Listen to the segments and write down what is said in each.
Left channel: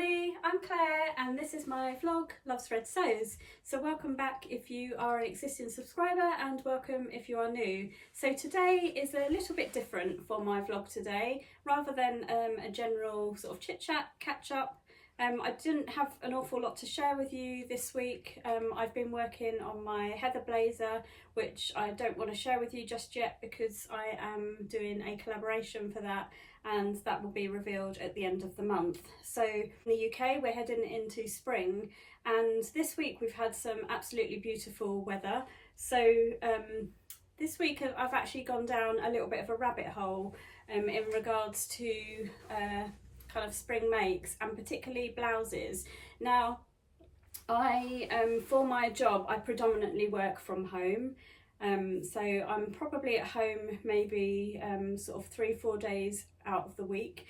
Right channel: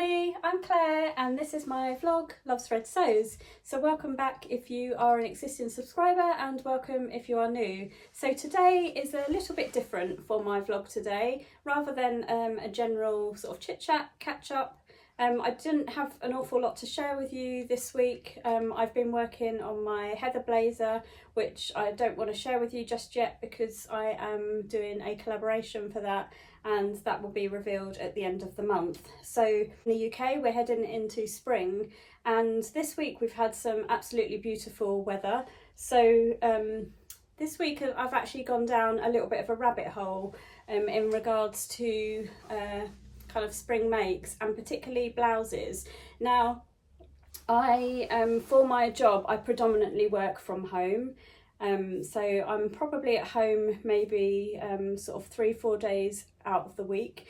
everybody, I'm Claire and this is my vlog, Loves Red Sews. So welcome back if you are an existing subscriber and welcome if you are new. So today is a little bit different for my vlog today. Rather than a general sort of chit chat, catch up, I didn't have an awful lot to share with you this week. I've been working on my heather blazer, which I don't want to share with you just yet because I am doing a collaboration for that, and that will be revealed at the end of the month. So in the UK we're heading into spring, and this week we've had some absolutely beautiful weather. So this week I've actually gone down a little bit of a rabbit hole in regards to kind of spring makes and particularly blouses. Now for my job I predominantly work from home. So I'm probably at home maybe sort of 3-4 days out of the week.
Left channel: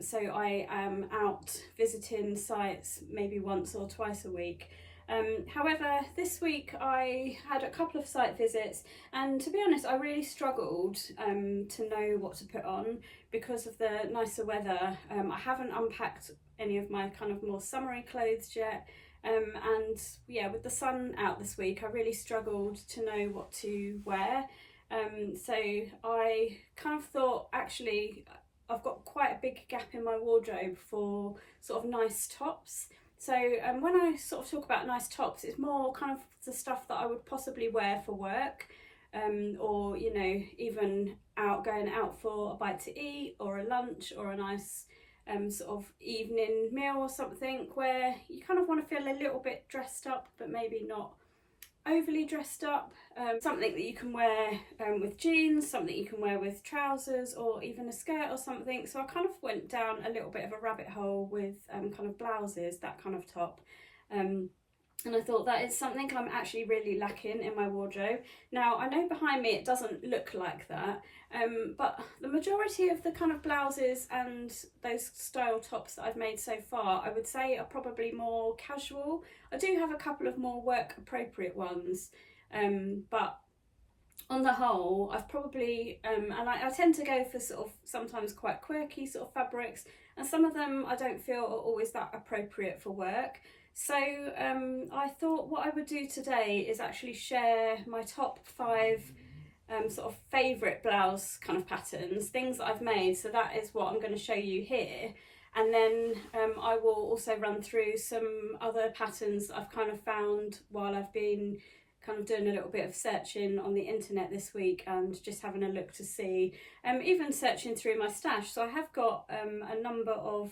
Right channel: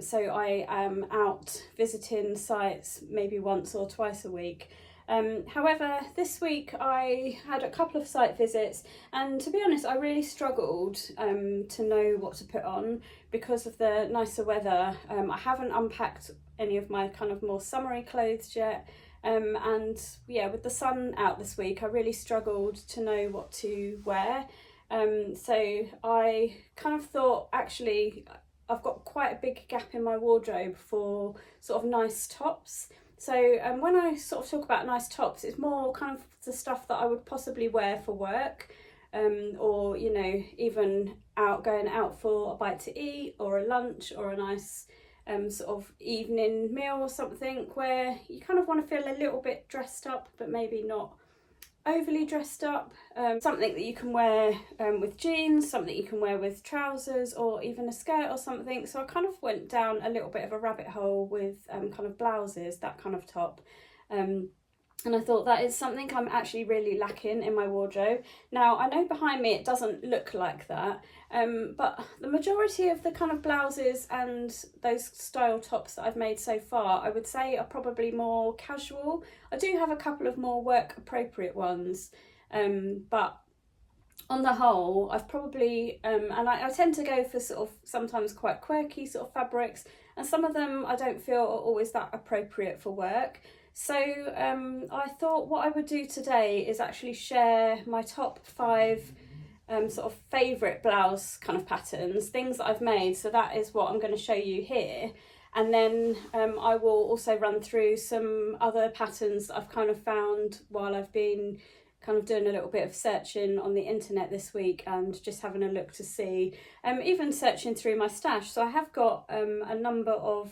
So I am out visiting sites maybe once or twice a week. However, this week I had a couple of site visits, and to be honest I really struggled to know what to put on because of the nicer weather. I haven't unpacked any of my kind of more summery clothes yet. And yeah, with the sun out this week I really struggled to know what to wear. So I kind of thought, actually I've got quite a big gap in my wardrobe for sort of nice tops. So when I sort of talk about nice tops, it's more kind of the stuff that I would possibly wear for work, or you know, even going out for a bite to eat or a lunch or a nice sort of evening meal or something, where you kind of want to feel a little bit dressed up but maybe not overly dressed up. Something that you can wear with jeans, something you can wear with trousers or even a skirt or something. So I kind of went down a little bit of a rabbit hole with kind of blouses, that kind of top. And I thought that is something I'm actually really lacking in my wardrobe. Now I know behind me it doesn't look like that, but the majority of the kind of blouses and those style tops that I've made so far, I would say are probably more casual. I do have a couple of more work appropriate ones, but on the whole I've probably, and I tend to go for sort of sometimes quite quirky sort of fabrics, and some of them I don't feel are always that appropriate for work. So I thought what I would do today is actually share my top 5 sort of favourite blouse kind of patterns, things that I've made. So that is what I'm going to show you here. And then I will also run through some other patterns that I've kind of found while I've been kind of doing a little bit of searching on the internet this week and just having a look to see, even searching through my stash. So I have got a number of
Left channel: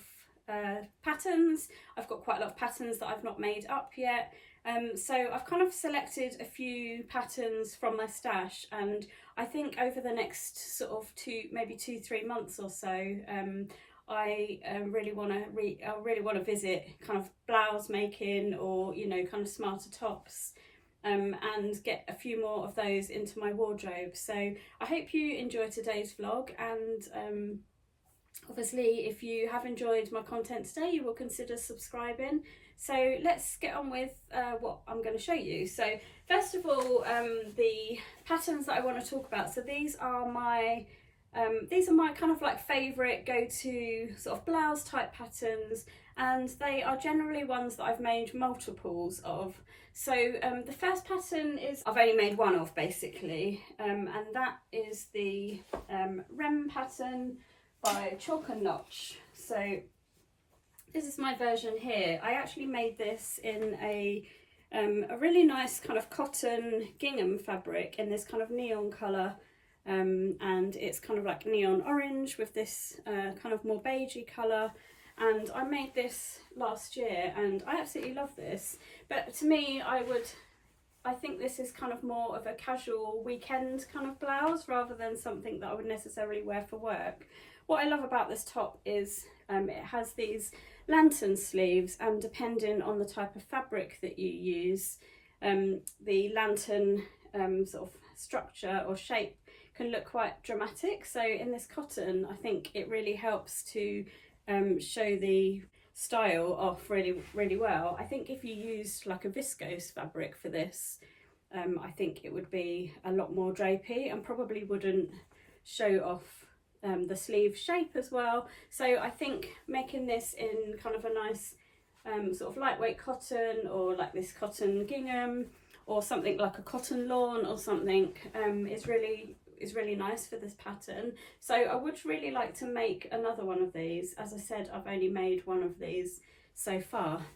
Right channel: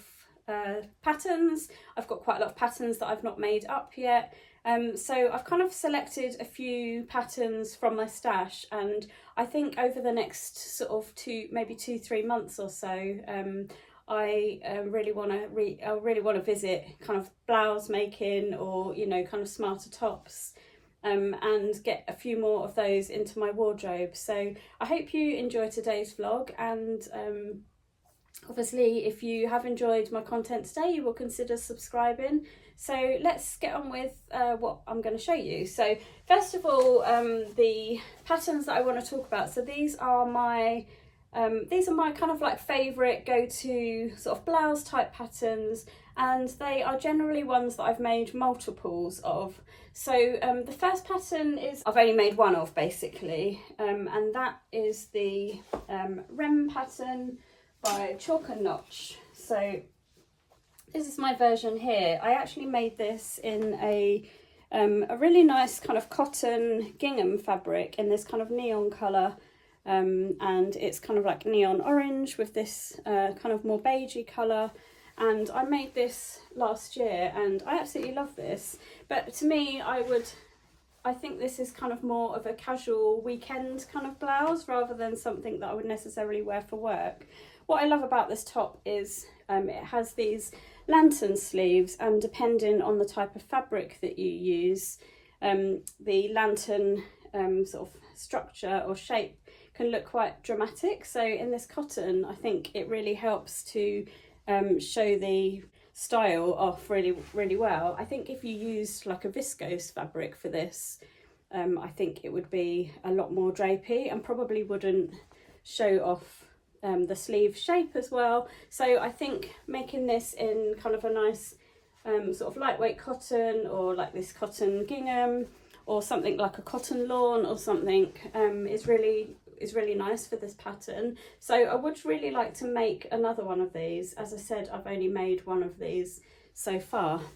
patterns. I've got quite a lot of patterns that I've not made up yet. So I've kind of selected a few patterns from my stash, and I think over the next sort of maybe 2-3 months or so, I really want to visit kind of blouse making, or you know, kind of smarter tops, and get a few more of those into my wardrobe. So I hope you enjoy today's vlog, and obviously if you have enjoyed my content today you will consider subscribing. So let's get on with what I'm going to show you. So first of all, the patterns that I want to talk about. So these are my kind of like favourite go-to sort of blouse type patterns, and they are generally ones that I've made multiples of. So the first pattern is I've only made one of basically, and that is the Ren pattern by Chalk and Notch. So this is my version here. I actually made this in a really nice kind of cotton gingham fabric in this kind of neon colour, and it's kind of like neon orange with this kind of more beigey colour. And I made this last year and I absolutely love this. But to me, I think this is kind of more of a casual weekend kind of blouse rather than something that I would necessarily wear for work. What I love about this top is it has these lantern sleeves, and depending on the type of fabric that you use, the lantern sort of structure or shape can look quite dramatic. So in this cotton, I think it really helps to show the style off really well. I think if you used like a viscose fabric for this, I think it would be a lot more drapey and probably wouldn't show off the sleeve shape as well. So I think making this in kind of a nice sort of lightweight cotton, or like this cotton gingham, or something like a cotton lawn or something, is really nice for this pattern. So I would really like to make another one of these. As I said, I've only made one of these so far.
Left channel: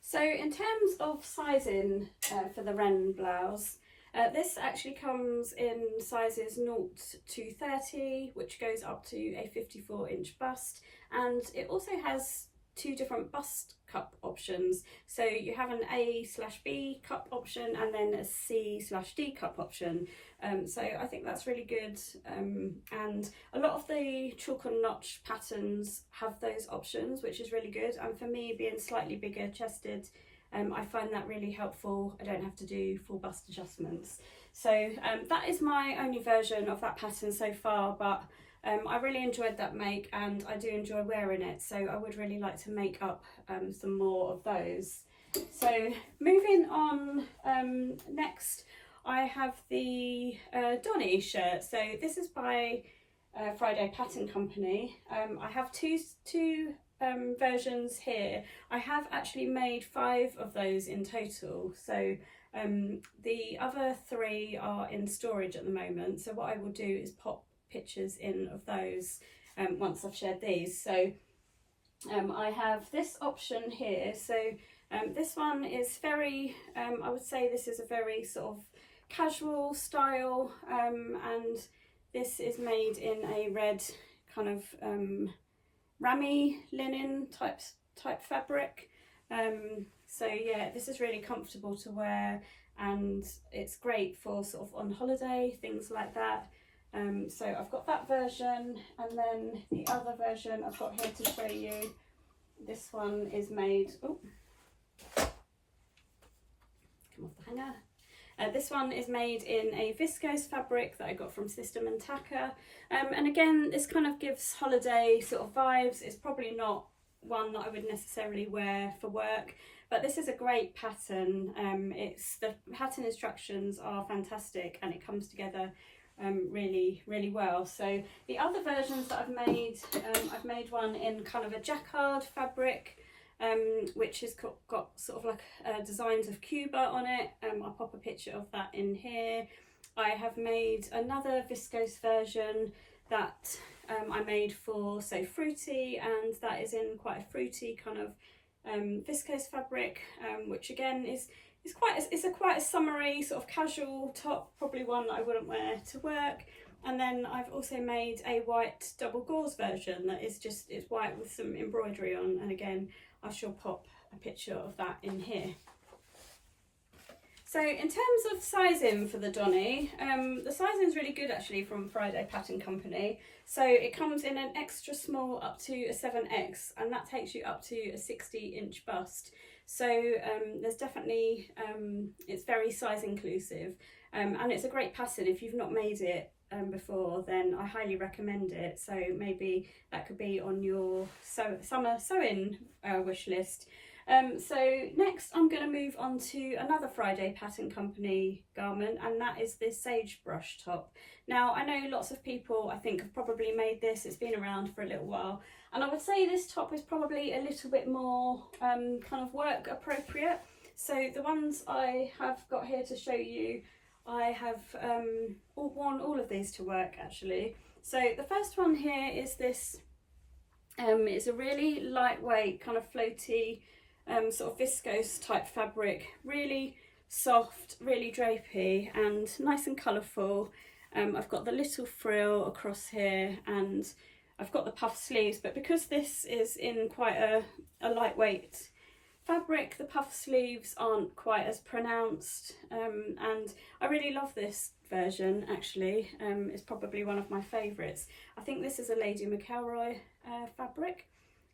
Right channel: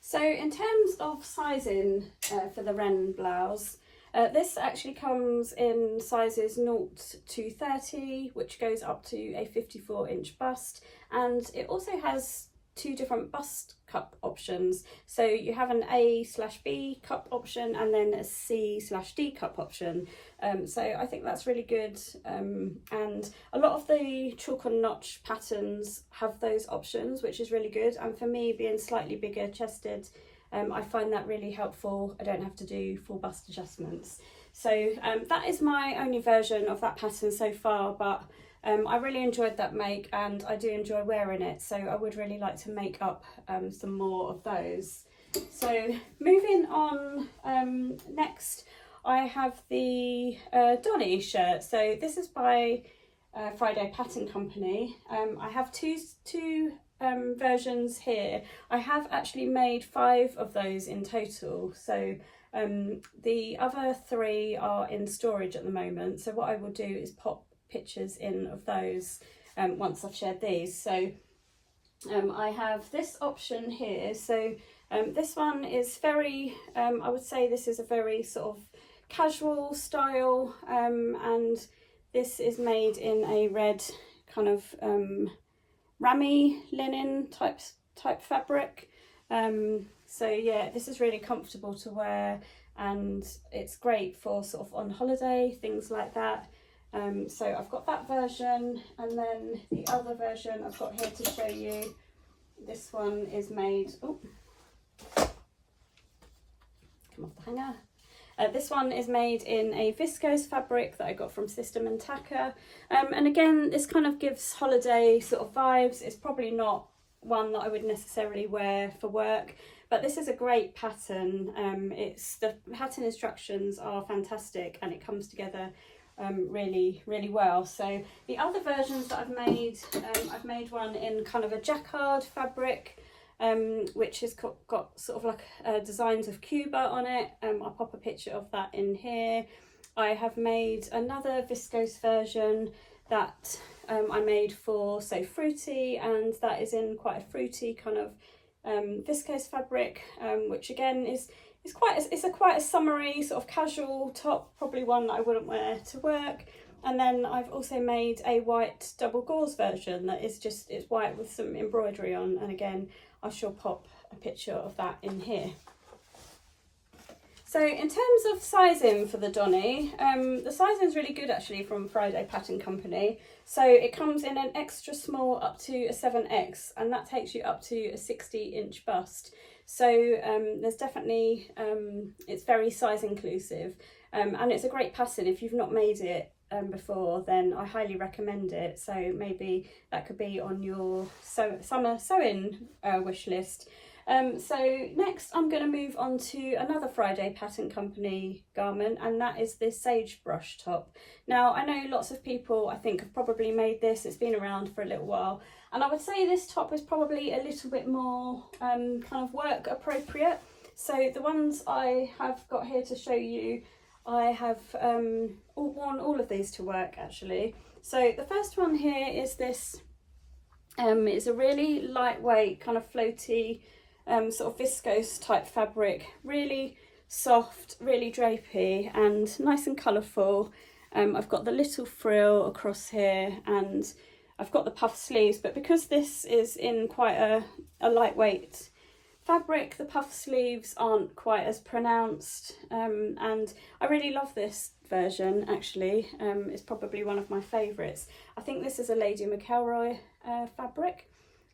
So in terms of sizing for the Ren blouse, this actually comes in sizes 0 to 30, which goes up to a 54-inch bust, and it also has 2 different bust cup options. So you have an A/B cup option and then a C/D cup option. So I think that's really good, and a lot of the chalk and notch patterns have those options, which is really good. And for me, being slightly bigger chested, I find that really helpful. I don't have to do full bust adjustments. So that is my only version of that pattern so far, but I really enjoyed that make and I do enjoy wearing it, so I would really like to make up some more of those. So moving on, next I have the Donnie shirt. So this is by Friday Pattern Company. I have two versions here. I have actually made 5 of those in total, so the other 3 are in storage at the moment. So what I will do is pop pictures in of those once I've shared these. So I have this option here. So this one is very, I would say this is a very sort of casual style, and this is made in a red kind of rammy linen type fabric. So yeah, this is really comfortable to wear and it's great for sort of on holiday, things like that. So I've got that version, and then the other version I've got here to show you. This one is made, oh, come off the hanger. This one is made in a viscose fabric that I got from System and Tacker, and again this kind of gives holiday sort of vibes. It's probably not one that I would necessarily wear for work, but this is a great pattern. The pattern instructions are fantastic and it comes together really well. So the other versions that I've made one in kind of a jacquard fabric, which has got sort of like designs of Cuba on it. I'll pop a picture of that in here. I have made another viscose version that I made for So Fruity, and that is in quite a fruity kind of viscose fabric, which again is quite a summery sort of casual top, probably one that I wouldn't wear to work. And then I've also made a white double gauze version that is just, it's white with some embroidery on, and again I shall pop a picture of that in here. So in terms of sizing for the Donnie, the sizing is really good actually from Friday Pattern Company. So it comes in an extra small up to a 7X, and that takes you up to a 60-inch bust. So there's definitely, it's very size inclusive, and it's a great pattern. If you've not made it before, then I highly recommend it. So maybe that could be on your summer sewing wish list. So next I'm going to move on to another Friday Pattern Company garment, and that is this sagebrush top. Now I know lots of people I think have probably made this, it's been around for a little while, and I would say this top is probably a little bit more kind of work appropriate. So the ones I have got here to show you, I have worn all of these to work actually. So the first one here is this, it's a really lightweight kind of floaty sort of viscose type fabric, really soft, really drapey and nice and colourful. I've got the little frill across here and I've got the puff sleeves, but because this is in quite a lightweight fabric, the puff sleeves aren't quite as pronounced, and I really love this version actually. It's probably one of my favourites. I think this is a Lady McElroy fabric.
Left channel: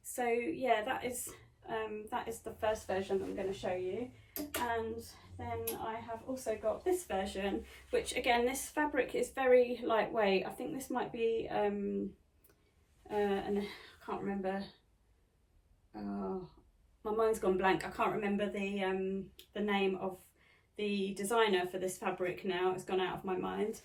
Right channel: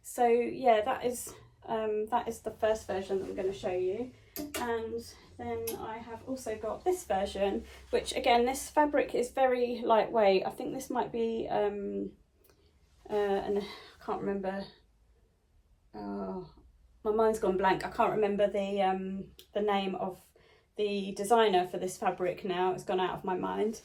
So yeah, that is the first version that I'm going to show you. And then I have also got this version, which again, this fabric is very lightweight. I think this might be and I can't remember, my mind's gone blank. I can't remember the name of the designer for this fabric now, it's gone out of my mind.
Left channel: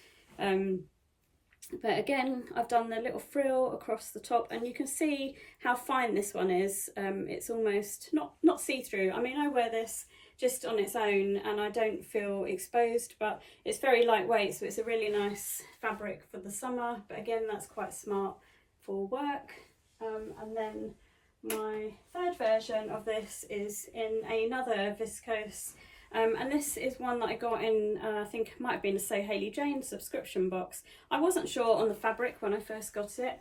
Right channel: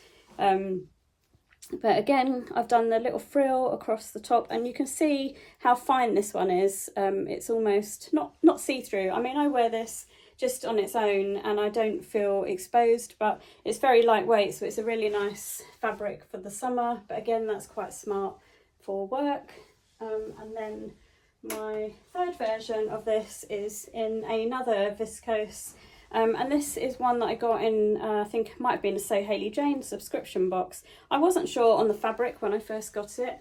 But again, I've done the little frill across the top, and you can see how fine this one is. It's almost not see-through. I mean, I wear this just on its own and I don't feel exposed, but it's very lightweight, so it's a really nice fabric for the summer. But again, that's quite smart for work. And then my third version of this is in another viscose, and this is one that I got in, I think it might have been a So Hayley Jane subscription box. I wasn't sure on the fabric when I first got it.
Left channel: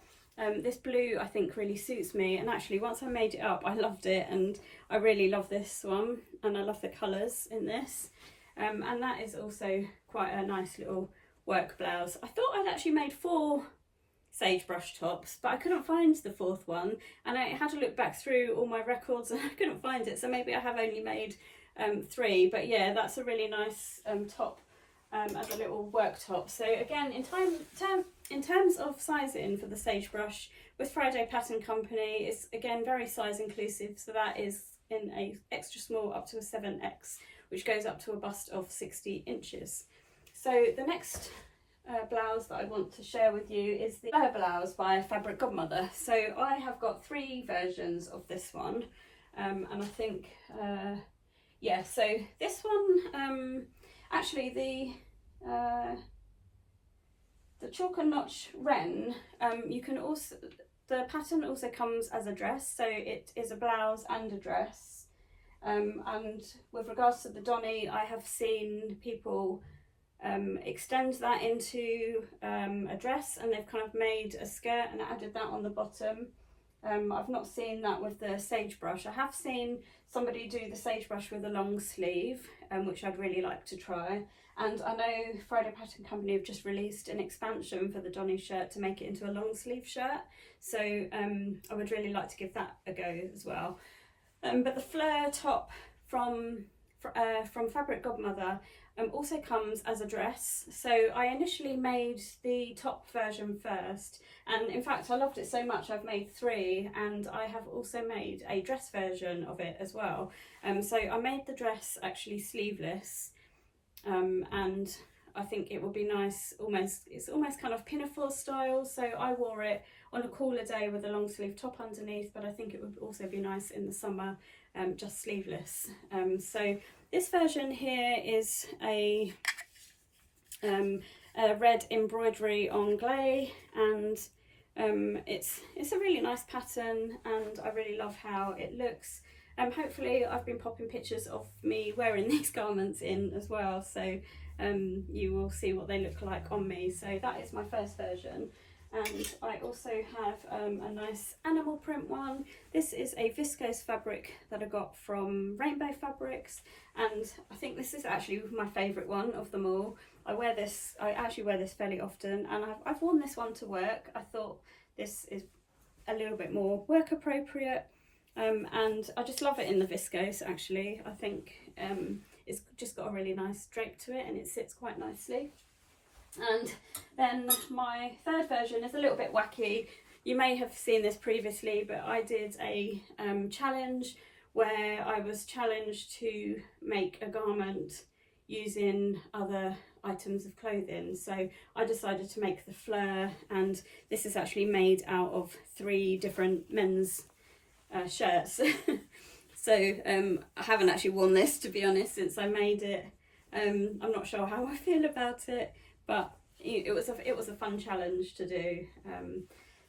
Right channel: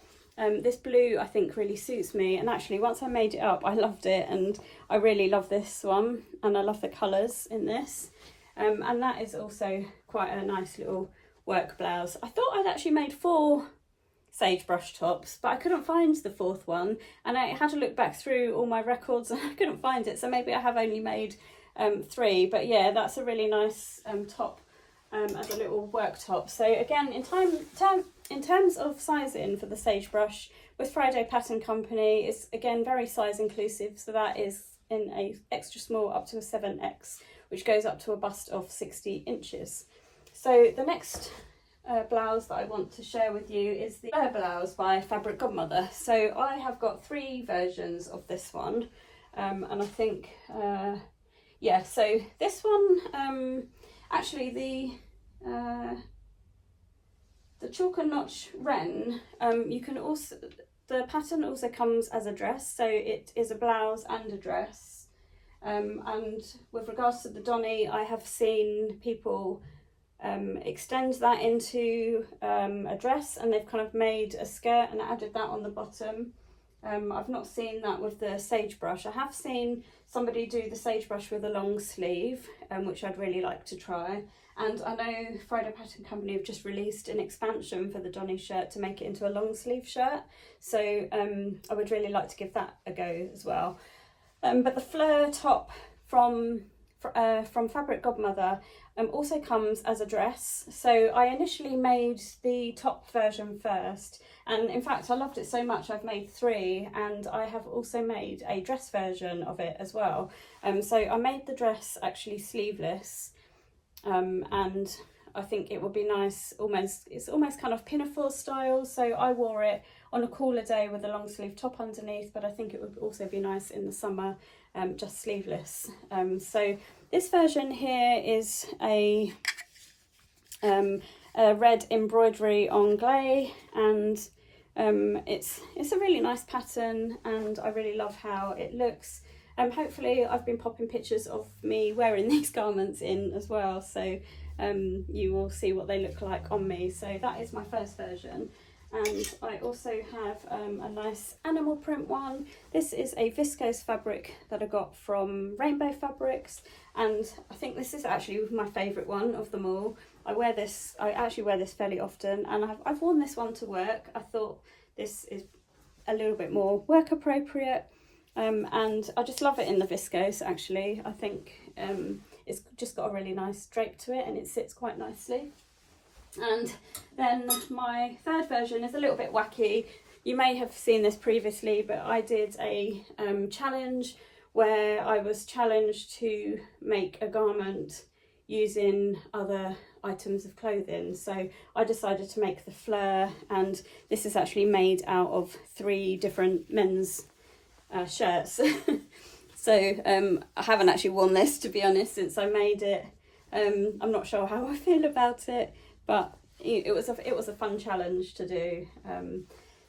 This blue I think really suits me, and actually once I made it up I loved it, and I really love this one, and I love the colours in this. And that is also quite a nice little work blouse. I thought I'd actually made 4 sagebrush tops, but I couldn't find the 4th one, and I had to look back through all my records and I couldn't find it, so maybe I have only made 3. But yeah, that's a really nice top as a little work top. So again, in terms of sizing for the sagebrush with Friday Pattern Company, it's again very size inclusive, so that is in a extra small up to a 7X, which goes up to a bust of 60 inches. So the next blouse that I want to share with you is the Fleur blouse by Fabric Godmother. So I have got 3 versions of this one, and I think yeah, so this one, actually the Chalk and Notch Ren, you can also, the pattern also comes as a dress, so it is a blouse and a dress. And with regards to the Donnie, I have seen people extend that into a dress, and they've kind of made a skirt and added that on the bottom. I've not seen that with the sagebrush. I have seen somebody do the sagebrush with a long sleeve, which I'd really like to try. And I know Friday Pattern Company have just released an expansion for the Donnie shirt to make it into a long sleeve shirt. So I would really like to give that a go as well. But the Fleur top from Fabric Godmother also comes as a dress. So I initially made the top version first, and in fact I loved it so much I've made 3, and I have also made a dress version of it as well. So I made the dress actually sleeveless, and I think it would be nice, it's almost kind of pinafore style, so I wore it on a cooler day with a long sleeve top underneath, but I think it would also be nice in the summer, just sleeveless. So this version here is a red embroidery anglais, and it's a really nice pattern, and I really love how it looks. Hopefully I've been popping pictures of me wearing these garments in as well, so you will see what they look like on me. So that is my first version. And I also have a nice animal print one. This is a viscose fabric that I got from Rainbow Fabrics, and I think this is actually my favourite one of them all. I actually wear this fairly often, and I've worn this one to work. I thought this is a little bit more work appropriate, and I just love it in the viscose actually. I think it's just got a really nice drape to it, and it sits quite nicely. And then my third version is a little bit wacky. You may have seen this previously, but I did a challenge where I was challenged to make a garment using other items of clothing. So I decided to make the Fleur, and this is actually made out of 3 different men's shirts. So I haven't actually worn this, to be honest, since I made it. I'm not sure how I feel about it, but it was a fun challenge to do.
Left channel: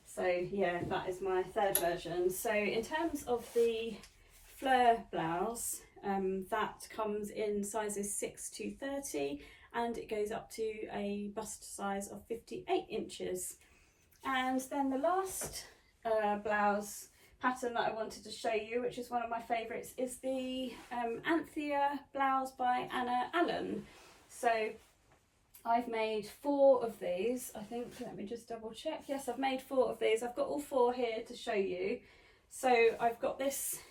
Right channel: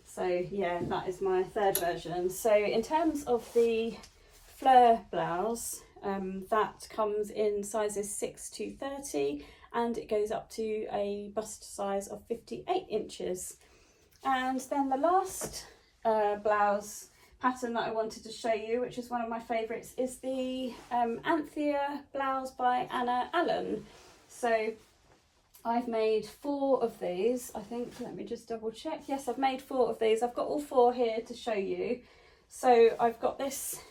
So yeah, that is my third version. So in terms of the Fleur blouse, that comes in sizes 6 to 30, and it goes up to a bust size of 58 inches. And then the last blouse pattern that I wanted to show you, which is one of my favourites, is the Anthea blouse by Anna Allen. So I've made 4 of these, I think. Let me just double check. Yes, I've made 4 of these. I've got all 4 here to show you. So I've got this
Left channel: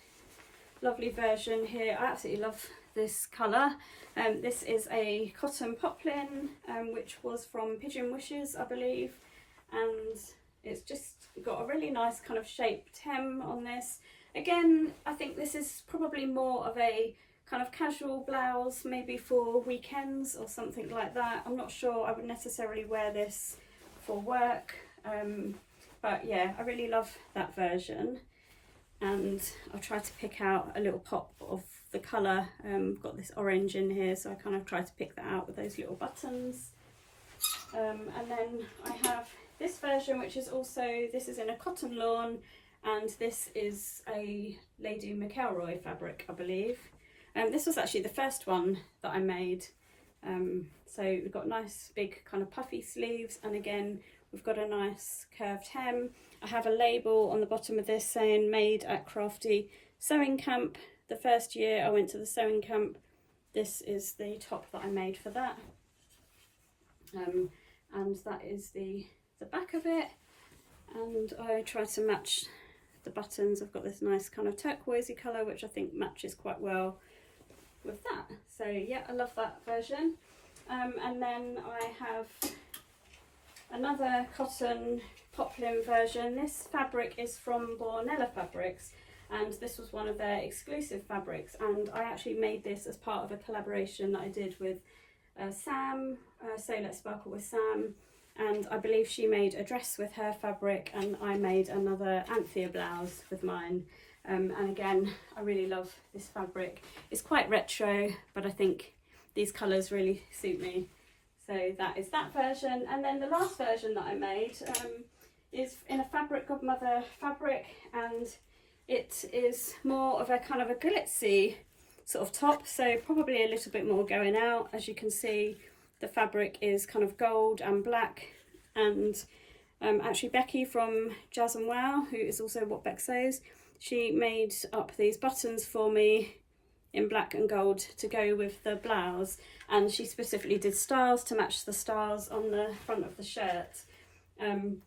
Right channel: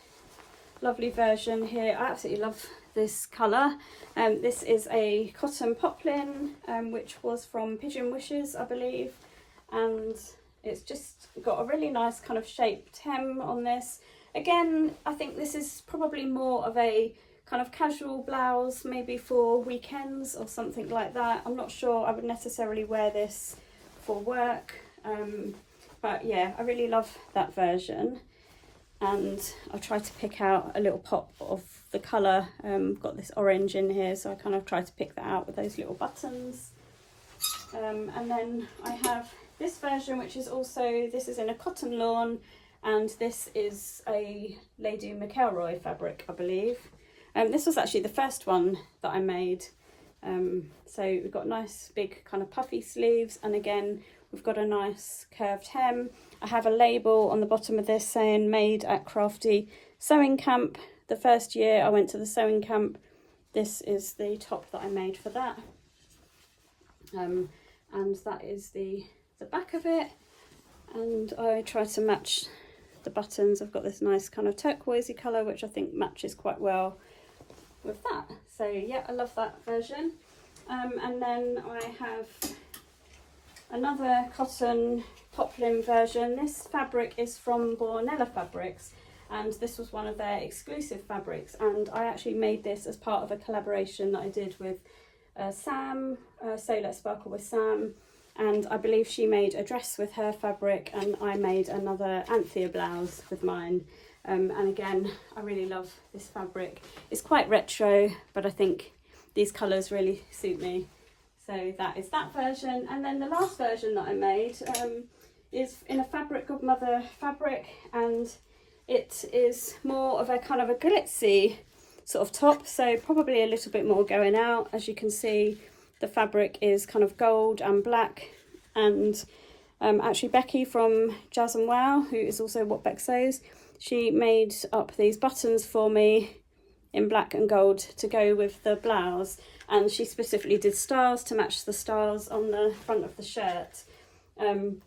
lovely version here. I absolutely love this colour. This is a cotton poplin, which was from Pigeon Wishes, I believe, and it's just got a really nice kind of shaped hem on this. Again, I think this is probably more of a kind of casual blouse, maybe for weekends or something like that. I'm not sure I would necessarily wear this for work. But yeah, I really love that version, and I'll try to pick out a little pop of the colour. Got this orange in here, so I kind of try to pick that out with those little buttons. And then I have this version, which is also, this is in a cotton lawn, and this is a Lady McElroy fabric, I believe. This was actually the first one that I made. So we've got nice big kind of puffy sleeves, and again we've got a nice curved hem. I have a label on the bottom of this saying made at Crafty Sewing Camp. The first year I went to the sewing camp, this is the top that I made for that. And that is the back of it, and I try to match the buttons. I've got this nice kind of turquoisey colour, which I think matches quite well with that. So yeah, I love that version. And then I have another cotton poplin version. This fabric is from Bornella Fabrics, and this was one of their exclusive fabrics, and I actually made this as part of a collaboration that I did with Sam, So Let's Sparkle with Sam, and I believe she made a dress with her fabric, and I made another Anthea blouse with mine. And again, I really love this fabric. It's quite retro, but I think these colours really suit me. So that is that version. And then the last version that I made is in a Godmother fabric, and it is more of a kind of a glitzy sort of top, so probably a little bit more going out. As you can see, the fabric is kind of gold and black, and actually Becky from Jazz and Wow, who is also What Beck Sews, she made up these buttons for me in black and gold to go with the blouse, and she specifically did stars to match the stars on the front of the shirt. And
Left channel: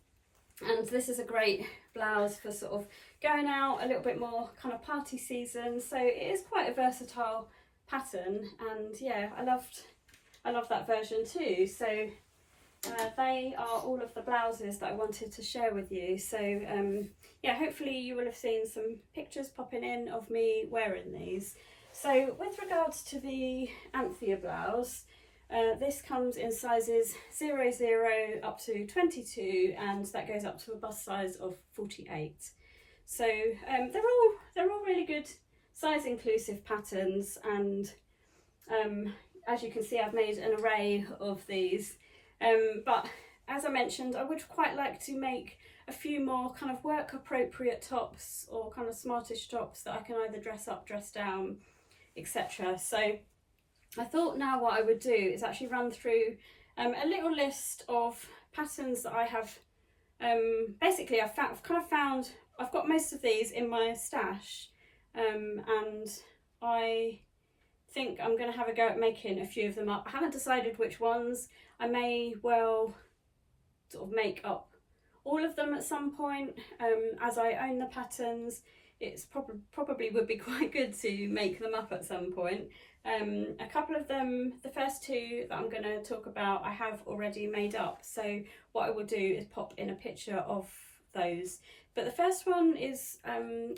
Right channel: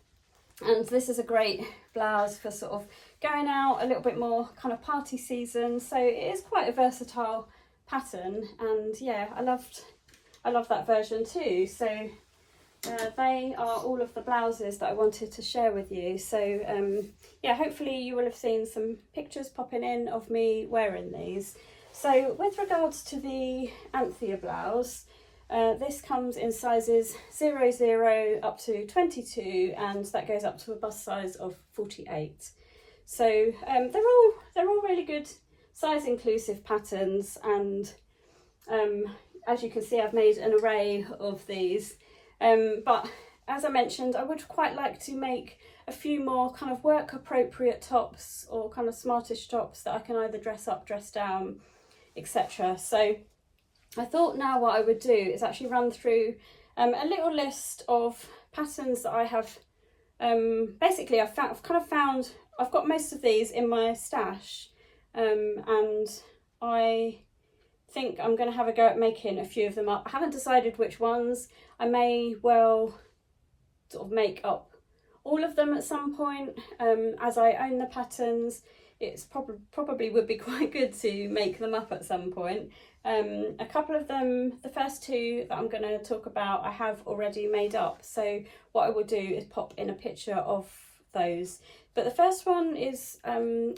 this is a great blouse for sort of going out a little bit more kind of party season, so it is quite a versatile pattern, and yeah, I love that version too. So they are all of the blouses that I wanted to share with you. So yeah, hopefully you will have seen some pictures popping in of me wearing these. So with regards to the Anthea blouse, this comes in sizes 00 up to 22, and that goes up to a bust size of 48. So they're all really good size inclusive patterns, and as you can see, I've made an array of these. But as I mentioned, I would quite like to make a few more kind of work appropriate tops, or kind of smartish tops that I can either dress up, dress down, etc. So I thought now what I would do is actually run through a little list of patterns that I have. Basically I've got most of these in my stash, and I think I'm going to have a go at making a few of them up. I haven't decided which ones. I may well sort of make up all of them at some point. As I own the patterns, it's probably would be quite good to make them up at some point. A couple of them, the first two that I'm going to talk about, I have already made up, so what I will do is pop in a picture of those. But the first one is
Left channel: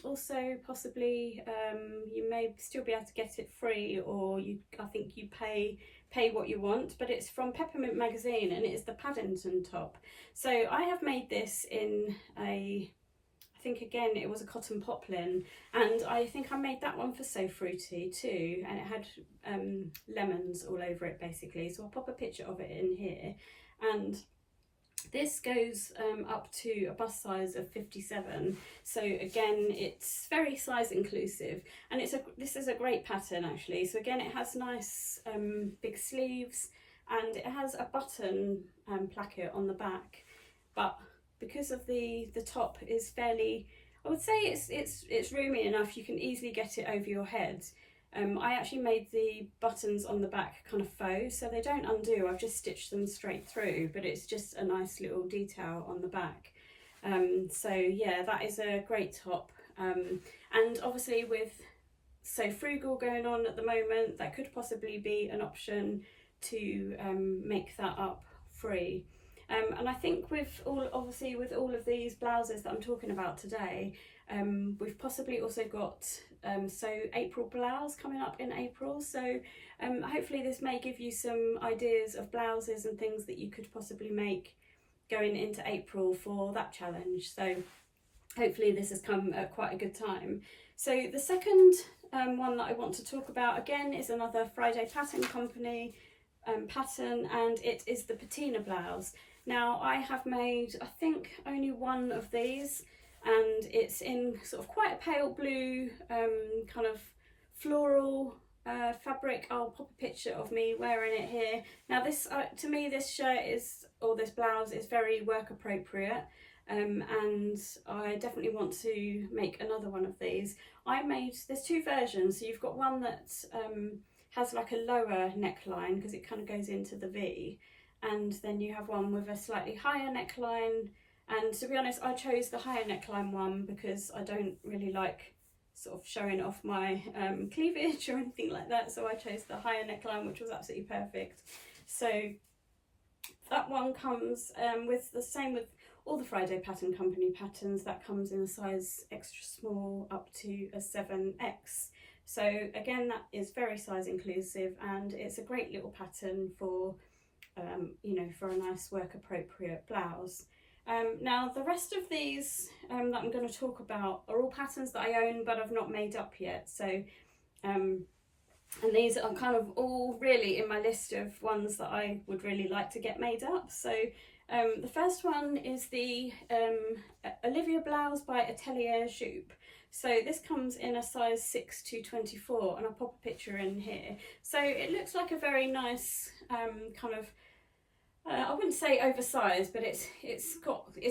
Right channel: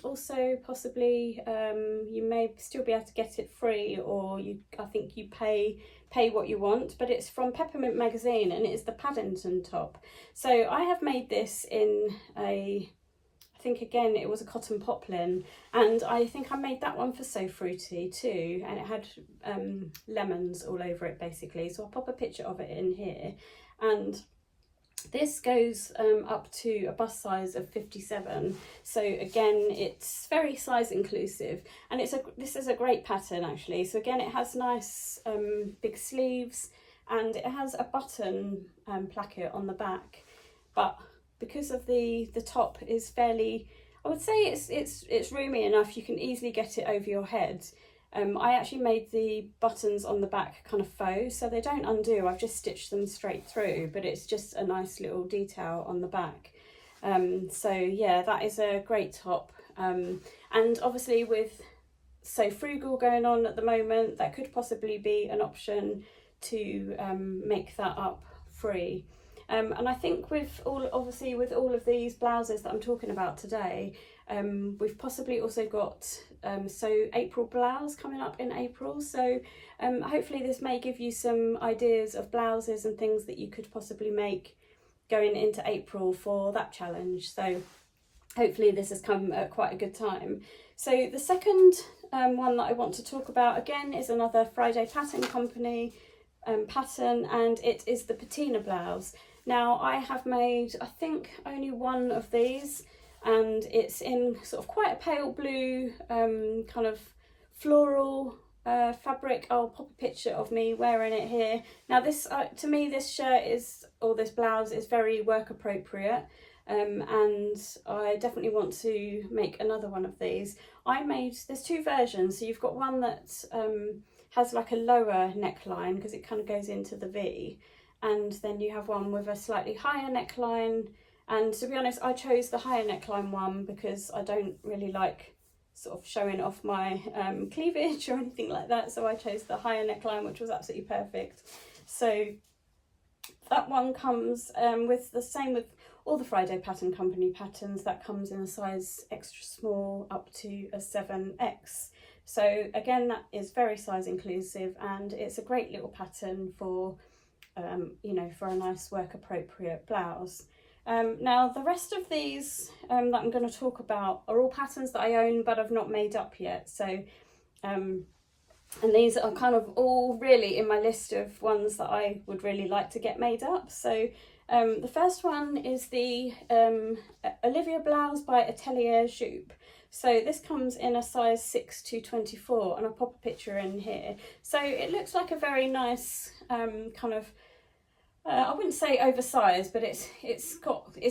also possibly, you may still be able to get it free, or I think you pay what you want, but it's from Peppermint Magazine, and it is the Paddington top. So I have made this in I think again it was a cotton poplin, and I think I made that one for So Fruity too, and it had lemons all over it basically. So I'll pop a picture of it in here, and this goes up to a bust size of 57. So again, it's very size inclusive, and this is a great pattern actually. So again, it has nice big sleeves, and it has a button placket on the back, but because of the top is fairly, I would say it's roomy enough, you can easily get it over your head. I actually made the buttons on the back kind of faux, so they don't undo. I've just stitched them straight through, but it's just a nice little detail on the back. So yeah, that is a great top. And obviously with So Frugal going on at the moment, that could possibly be an option to make that up free. And I think with all of these blouses that I'm talking about today, we've possibly also got So April blouse coming up in April. So hopefully this may give you some ideas of blouses and things that you could possibly make going into April for that challenge. So hopefully this has come at quite a good time. So the second one that I want to talk about again is another Friday Pattern Company pattern, and it is the patina blouse. Now I have made, I think, only one of these, and it's in sort of quite a pale blue kind of floral fabric. I'll pop a picture of me wearing it here. Now this, to me, this shirt is, or this blouse is very work appropriate, and I definitely want to make another one of these. There's two versions, so you've got one that has like a lower neckline because it kind of goes into the V, and then you have one with a slightly higher neckline. And to be honest, I chose the higher neckline one because I don't really like sort of showing off my cleavage or anything like that, so I chose the higher neckline, which was absolutely perfect. So that one comes with the same with all the Friday Pattern Company patterns, that comes in a size extra small up to a 7X. So again, that is very size inclusive, and it's a great little pattern for you know, for a nice work appropriate blouse. Now the rest of these that I'm going to talk about are all patterns that I own but I've not made up yet. So and these are kind of all really in my list of ones that I would really like to get made up. So the first one is the Olivia blouse by Atelier Jupe. So this comes in a size 6 to 24, and I'll pop a picture in here. So it looks like a very nice kind of, I wouldn't say oversized, but it's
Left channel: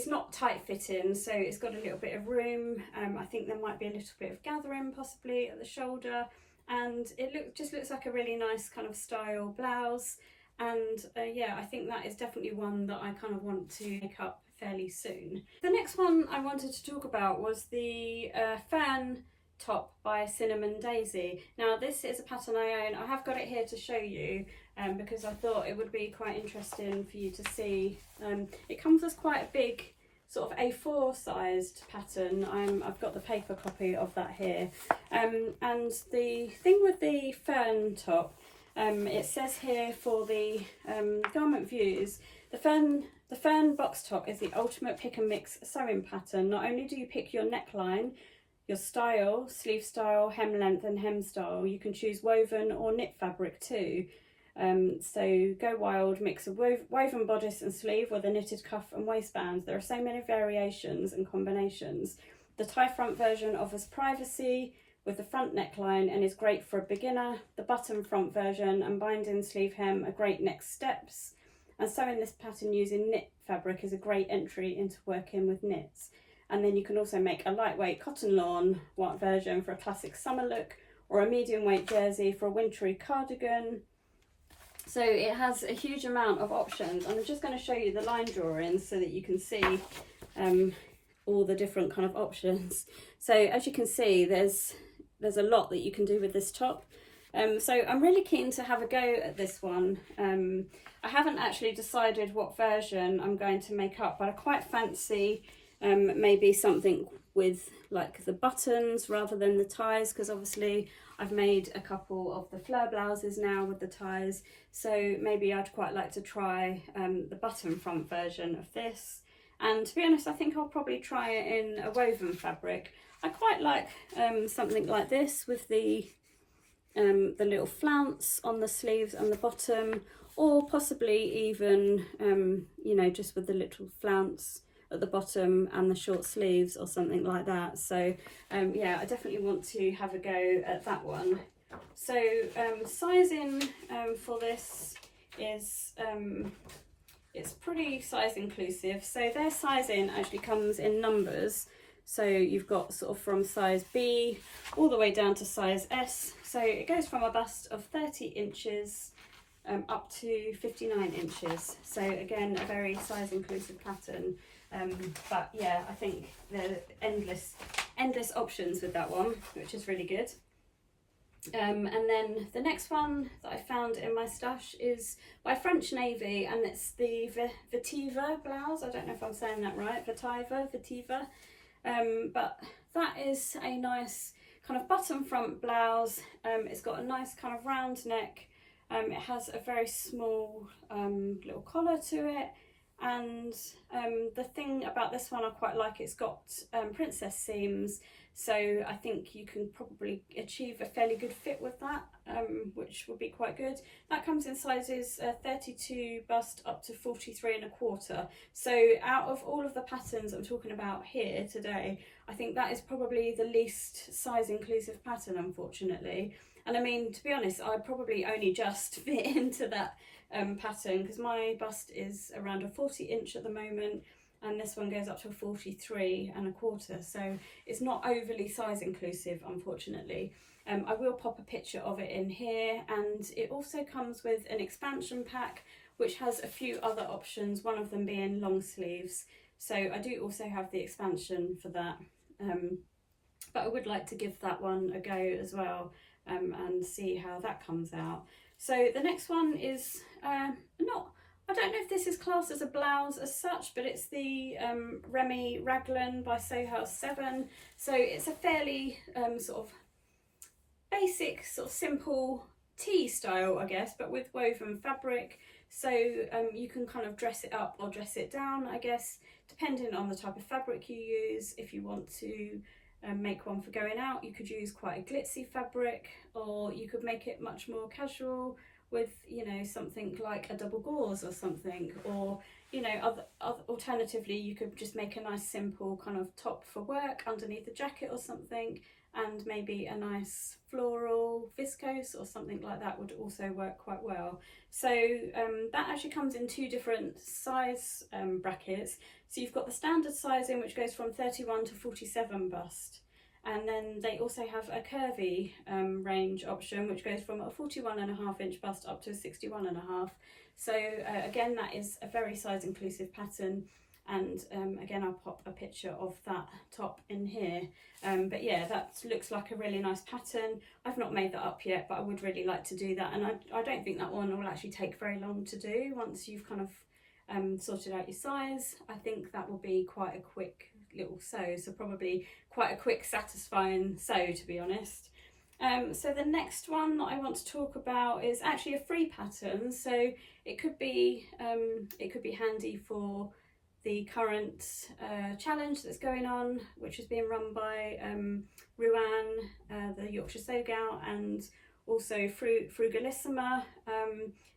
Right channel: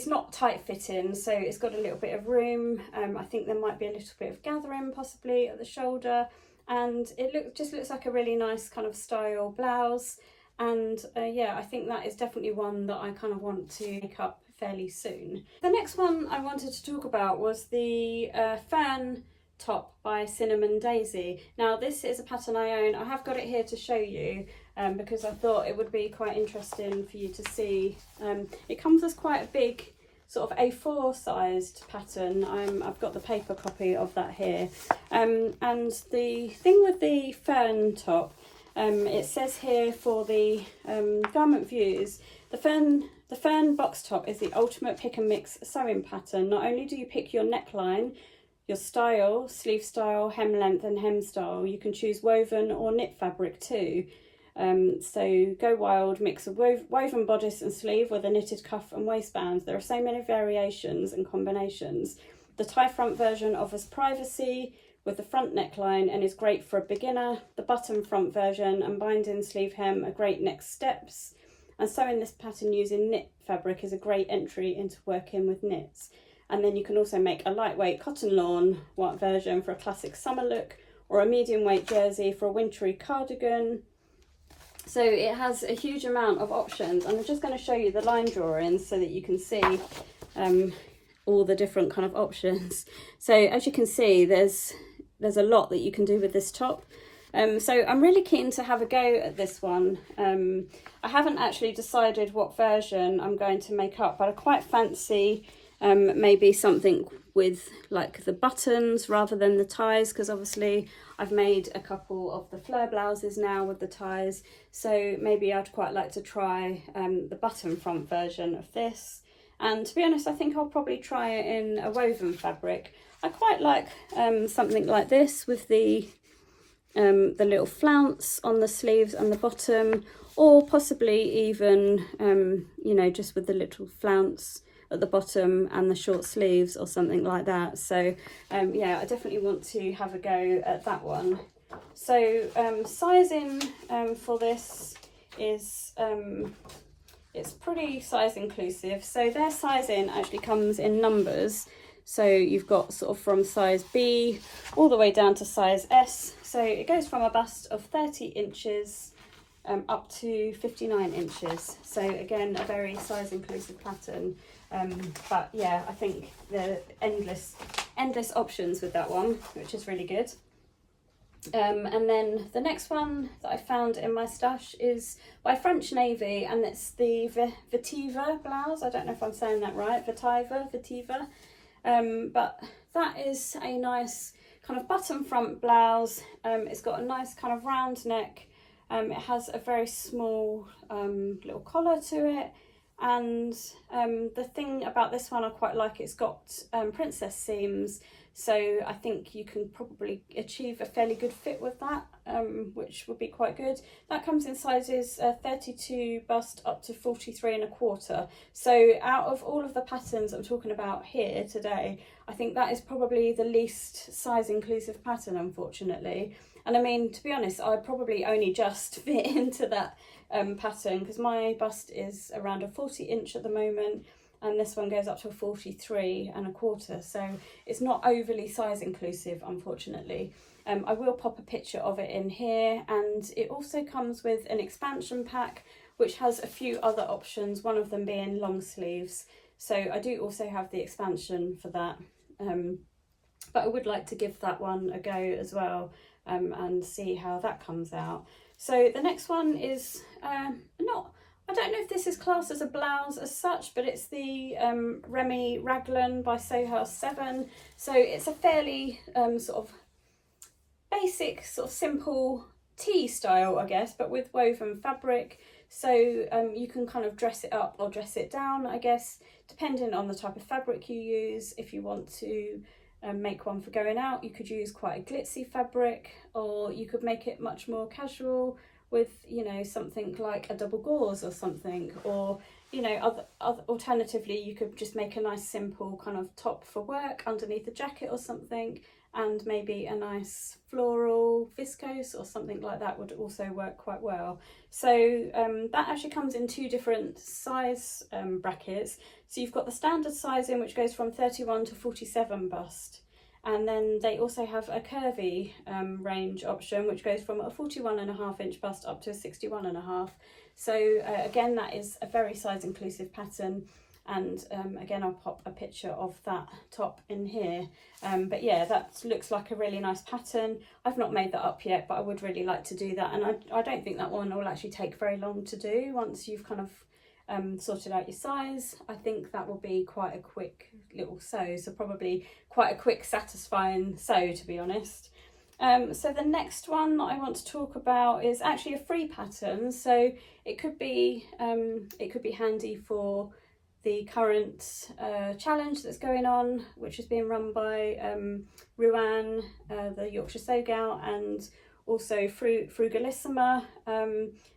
not tight fitting, so it's got a little bit of room. I think there might be a little bit of gathering possibly at the shoulder, and it just looks like a really nice kind of style blouse. And yeah, I think that is definitely one that I kind of want to make up fairly soon. The next one I wanted to talk about was the fan top by Cinnamon Daisy. Now this is a pattern I own. I have got it here to show you because I thought it would be quite interesting for you to see. It comes as quite a big sort of A4 sized pattern. I've got the paper copy of that here. And the thing with the fern top, it says here for the garment views, the fern box top is the ultimate pick and mix sewing pattern. Not only do you pick your neckline, your style, sleeve style, hem length and hem style, you can choose woven or knit fabric too. So go wild, mix a woven bodice and sleeve with a knitted cuff and waistband. There are so many variations and combinations. The tie front version offers privacy with the front neckline and is great for a beginner. The button front version and binding sleeve hem are great next steps. And sewing this pattern using knit fabric is a great entry into working with knits. And then you can also make a lightweight cotton lawn white version for a classic summer look, or a medium weight jersey for a wintry cardigan. So it has a huge amount of options, and I'm just going to show you the line drawings so that you can see all the different kind of options. So as you can see, there's a lot that you can do with this top. So I'm really keen to have a go at this one. I haven't actually decided what version I'm going to make up, but I quite fancy maybe something with like the buttons rather than the ties, because obviously I've made a couple of the Fleur blouses now with the ties, so maybe I'd quite like to try the button front version of this. And to be honest, I think I'll probably try it in a woven fabric. I quite like something like this with the little flounce on the sleeves and the bottom, or possibly even you know, just with the little flounce at the bottom and the short sleeves or something like that. So yeah, I definitely want to have a go at that one. So sizing for this is it's pretty size inclusive. So their sizing actually comes in numbers. So you've got sort of from size B all the way down to size S. So it goes from a bust of 30 inches up to 59 inches. So again, a very size inclusive pattern. But yeah, I think there are endless options with that one, which is really good. And then the next one that I found in my stash is by French Navy, and it's the Vetiver blouse. I don't know if I'm saying that right, Vetiver. But that is a nice kind of button front blouse. It's got a nice kind of round neck. It has a very small little collar to it, and the thing about this one I quite like, it's got princess seams, so I think you can probably achieve a fairly good fit with that, which would be quite good. That comes in sizes 32 bust up to 43.25. So out of all of the patterns I'm talking about here today, I think that is probably the least size inclusive pattern, unfortunately. And I mean, to be honest, I probably only just fit into that pattern, because my bust is around a 40-inch at the moment, and this one goes up to a 43.25, so it's not overly size inclusive, unfortunately. I will pop a picture of it in here, and it also comes with an expansion pack which has a few other options, one of them being long sleeves, so I do also have the expansion for that, but I would like to give that one a go as well, and see how that comes out. So the next one is I don't know if this is classed as a blouse as such, but it's the Remy Raglan by Sew House 7. So it's a fairly sort of basic, sort of simple tee style, I guess, but with woven fabric. So you can kind of dress it up or dress it down, I guess, depending on the type of fabric you use. If you want to make one for going out, you could use quite a glitzy fabric, or you could make it much more casual with, you know, something like a double gauze or something, or, you know, alternatively you could just make a nice simple kind of top for work underneath a jacket or something, and maybe a nice floral viscose or something like that would also work quite well. So that actually comes in two different size brackets. So you've got the standard sizing, which goes from 31 to 47 bust, and then they also have a curvy range option, which goes from a 41.5-inch bust up to a 61.5. So again, that is a very size inclusive pattern, and again, I'll pop a picture of that top in here. But yeah, that looks like a really nice pattern. I've not made that up yet, but I would really like to do that, and I don't think that one will actually take very long to do once you've kind of sorted out your size. I think that will be quite a quick little sew, so probably quite a quick satisfying sew, to be honest. So the next one that I want to talk about is actually a free pattern, so it could be handy for the current challenge that's going on, which is being run by Ruan, the Yorkshire Sew Gal, and also Frugalissima,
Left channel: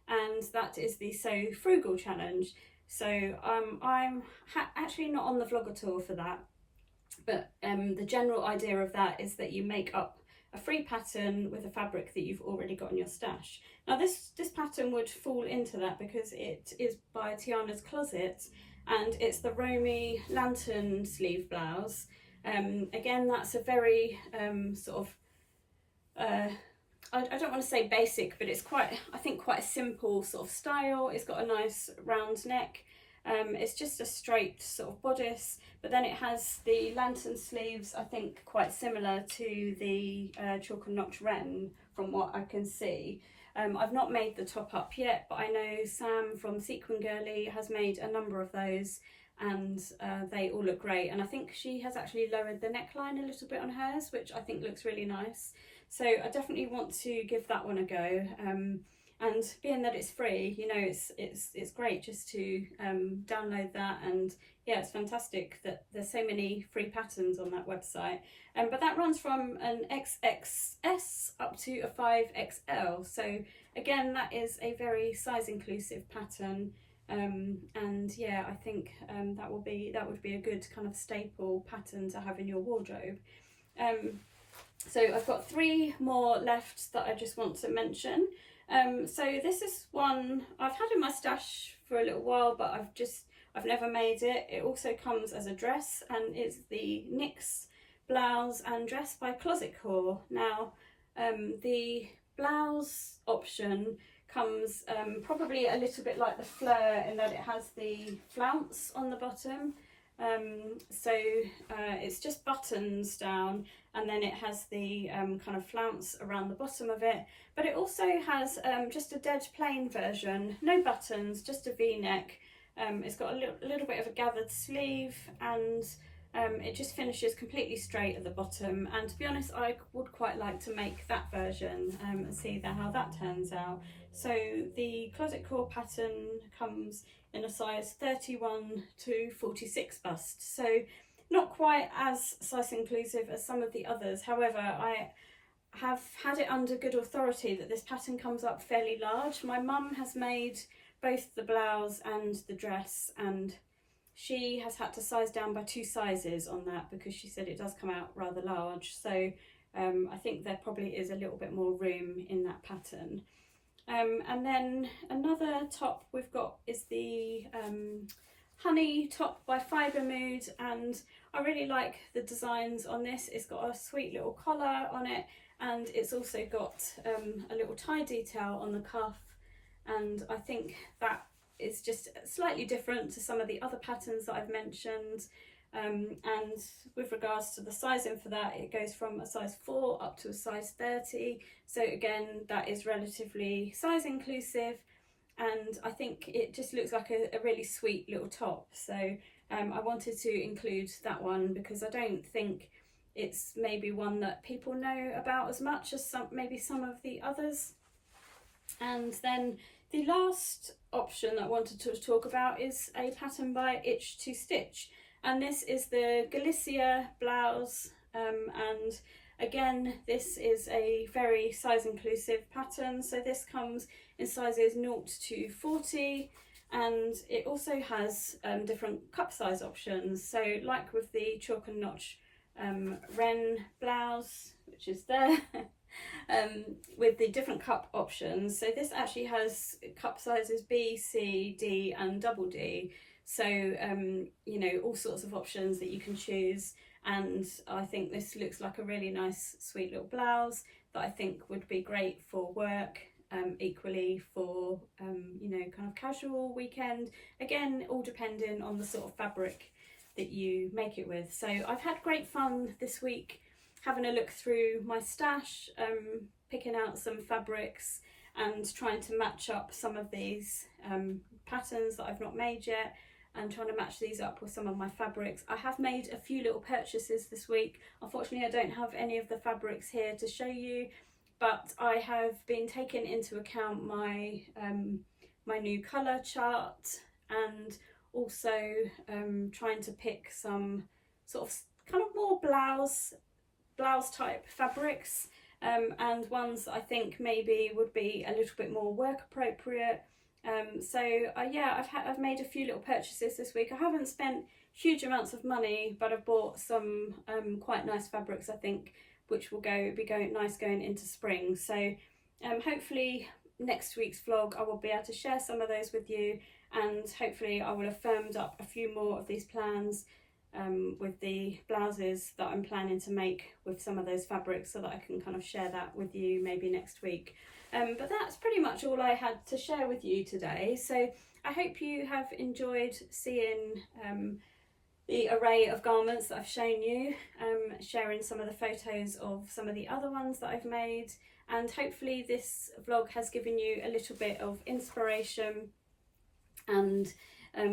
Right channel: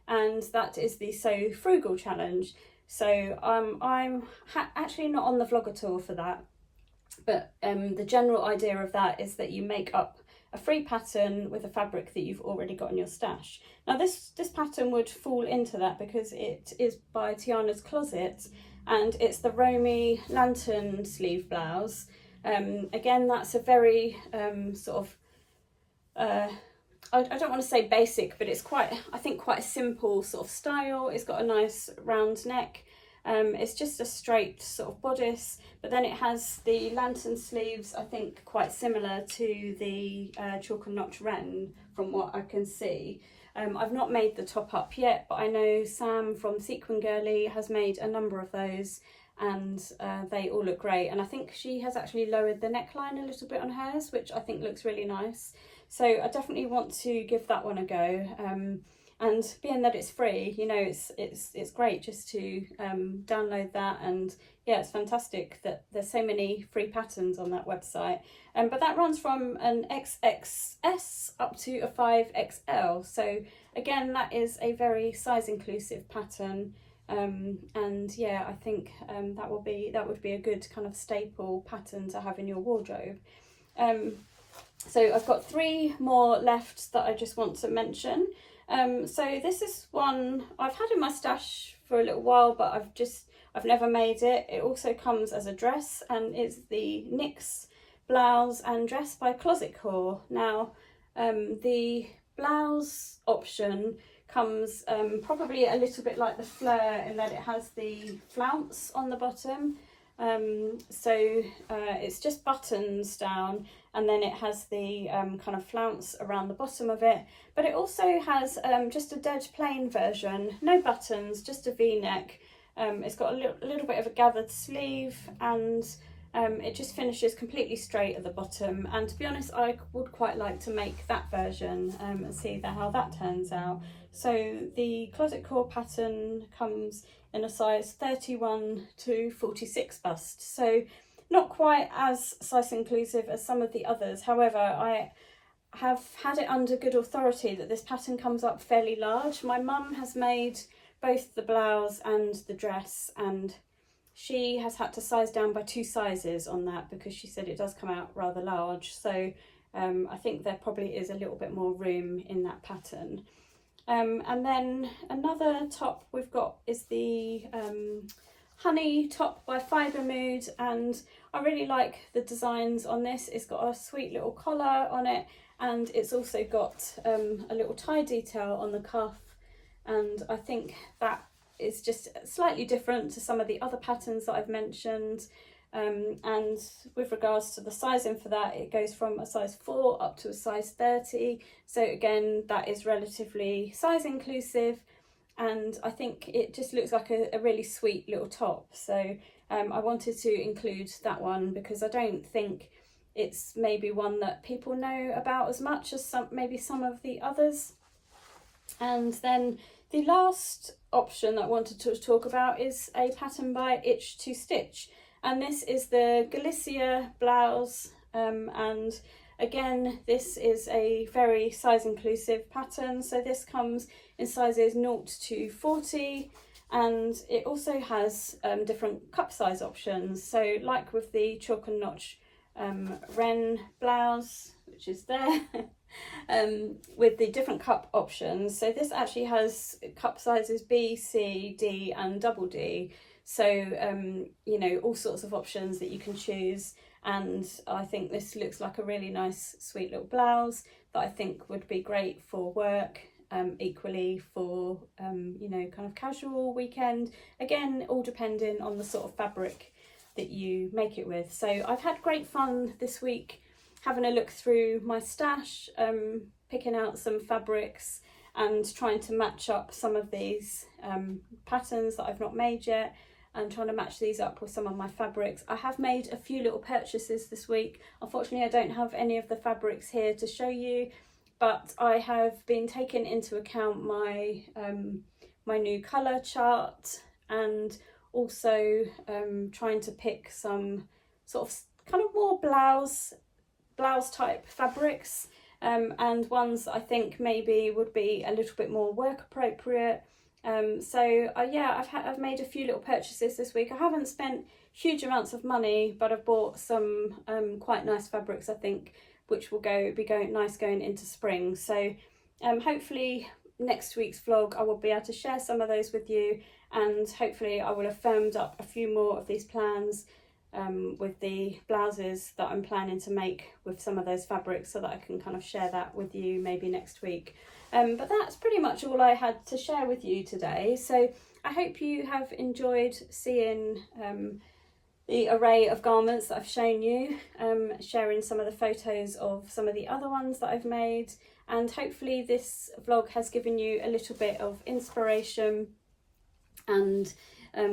and that is the Sew Frugal Challenge. So I'm actually not on the vlogger tour for that, but the general idea of that is that you make up a free pattern with a fabric that you've already got in your stash. Now this pattern would fall into that because it is by Tiana's Closet, and it's the Romy Lantern sleeve blouse. Again, that's a very sort of I don't want to say basic, but it's quite, I think, quite a simple sort of style. It's got a nice round neck. It's just a straight sort of bodice, but then it has the lantern sleeves, I think quite similar to the Chalk and Notch Ren from what I can see. I've not made the top up yet, but I know Sam from Sequin Girly has made a number of those, and they all look great. And I think she has actually lowered the neckline a little bit on hers, which I think looks really nice. So I definitely want to give that one a go. And being that it's free, you know, it's great just to download that, and yeah, it's fantastic that there's so many free patterns on that website. But that runs from an XXS up to a 5XL. So again, that is a very size inclusive pattern. And yeah, I think that would be a good kind of staple pattern to have in your wardrobe. So I've got 3 more left that I just want to mention. So this is one I've had in my stash for a little while, but I've never made it. It also comes as a dress, and it's the NYX blouse and dress by Closet Core. Now the blouse option comes probably a little bit like the Fleur in that it has the flounce on the bottom. So it's just buttons down, and then it has the kind of flounce around the bottom of it, but it also has just a dead plain version, no buttons, just a V-neck. It's got a little bit of a gathered sleeve, and it just finishes completely straight at the bottom. And to be honest, I would quite like to make that version and see how that turns out. So the closet core pattern comes in a size 31 to 46 bust, so not quite as size inclusive as some of the others. However, I have had it under good authority that this pattern comes up fairly large. My mum has made both the blouse and the dress, and she has had to size down by 2 sizes on that because she said it does come out rather large. So I think there probably is a little bit more room in that pattern. And then another top we've got is the Honey top by Fibre Mood, and I really like the designs on this. It's got a sweet little collar on it, and it's also got a little tie detail on the cuff, and I think that is just slightly different to some of the other patterns that I've mentioned. And with regards to the sizing for that, it goes from a size 4 up to a size 30. So again, that is relatively size inclusive, and I think it just looks like a really sweet little top. So I wanted to include that one because I don't think it's maybe one that people know about as much as maybe some of the others. And then the last option that I wanted to talk about is a pattern by Itch to Stitch, and this is the Galicia blouse, and again this is a very size inclusive pattern. So this comes in sizes 0 to 40, and it also has different cup size options. So like with the Chalk and Notch Ren blouse, which is there, with the different cup options. So this actually has cup sizes B, C, D and double D. So you know, all sorts of options that you can choose, and I think this looks like a really nice sweet little blouse that I think would be great for work, equally for you know, kind of casual weekend, again all depending on the sort of fabric that you make it with. So I've had great fun this week having a look through my stash, picking out some fabrics and trying to match up some of these patterns that I've not made yet, and trying to match these up with some of my fabrics. I have made a few little purchases this week. Unfortunately, I don't have any of the fabrics here to show you, but I have been taking into account my my new colour chart, and also trying to pick some sort of kind of more blouse type fabrics, and ones that I think maybe would be a little bit more work appropriate. So yeah, I've made a few little purchases this week. I haven't spent huge amounts of money, but I've bought some quite nice fabrics, I think, which will be nice going into spring. So hopefully next week's vlog I will be able to share some of those with you, and hopefully I will have firmed up a few more of these plans with the blouses that I'm planning to make with some of those fabrics, so that I can kind of share that with you maybe next week. But that's pretty much all I had to share with you today. So I hope you have enjoyed seeing the array of garments that I've shown you, sharing some of the photos of some of the other ones that I've made, and hopefully this vlog has given you a little bit of inspiration and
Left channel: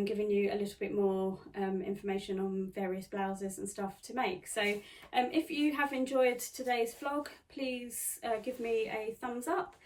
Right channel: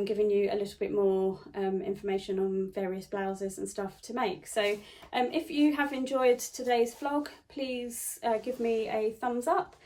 giving you a little bit more information on various blouses and stuff to make. So if you have enjoyed today's vlog, please give me a thumbs up.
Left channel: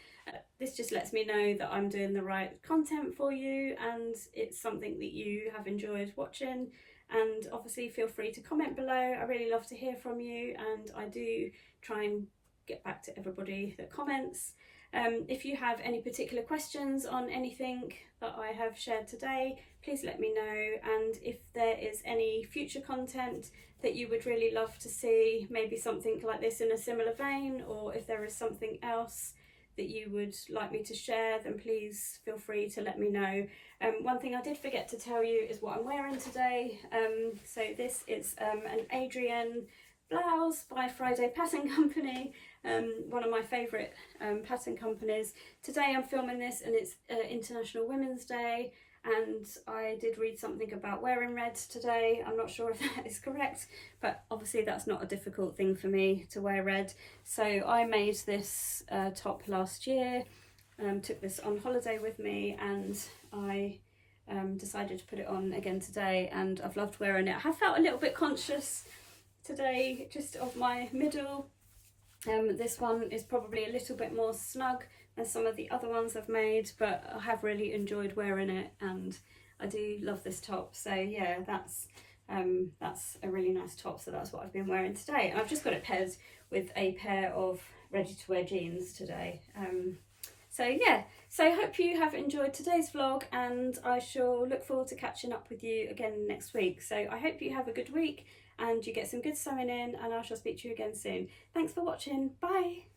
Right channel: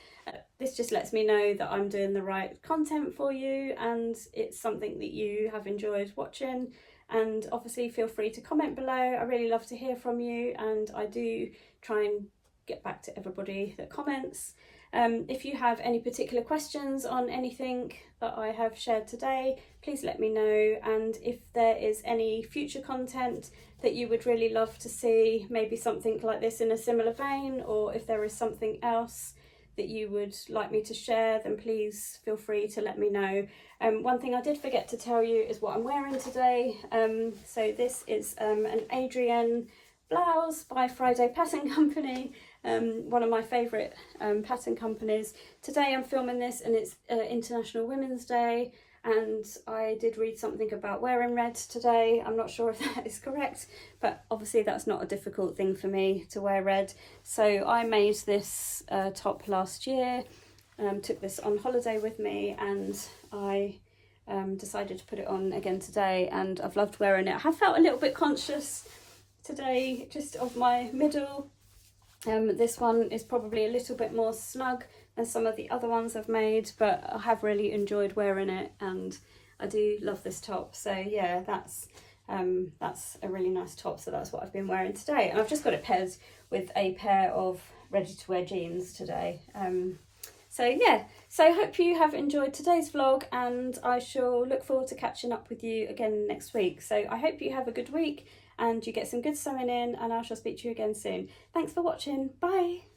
This just lets me know that I'm doing the right content for you and it's something that you have enjoyed watching. And obviously feel free to comment below. I really love to hear from you, and I do try and get back to everybody that comments. If you have any particular questions on anything that I have shared today, please let me know. And if there is any future content that you would really love to see, maybe something like this in a similar vein, or if there is something else that you would like me to share, then please feel free to let me know. One thing I did forget to tell you is what I'm wearing today. So this is an Adrienne blouse by Friday Pattern Company, one of my favourite pattern companies. Today I'm filming this and it's International Women's Day, and I did read something about wearing red today. I'm not sure if that is correct, but obviously that's not a difficult thing for me to wear red. So I made this top last year, took this on holiday with me, and I decided to put it on again today, and I've loved wearing it. I have felt a little bit conscious today just of my middle. This one is probably a little bit more snug as some of the other ones I've made, but I have really enjoyed wearing it and I do love this top. So yeah, that's a really nice top, so that's what I've been wearing today, and I've just got it paired with a pair of ready to wear jeans today. So yeah, so I hope you have enjoyed today's vlog, and I shall look forward to catching up with you again next week. So I hope you have a good week and you get some good sewing in, and I shall speak to you again soon. Thanks for watching. Bye.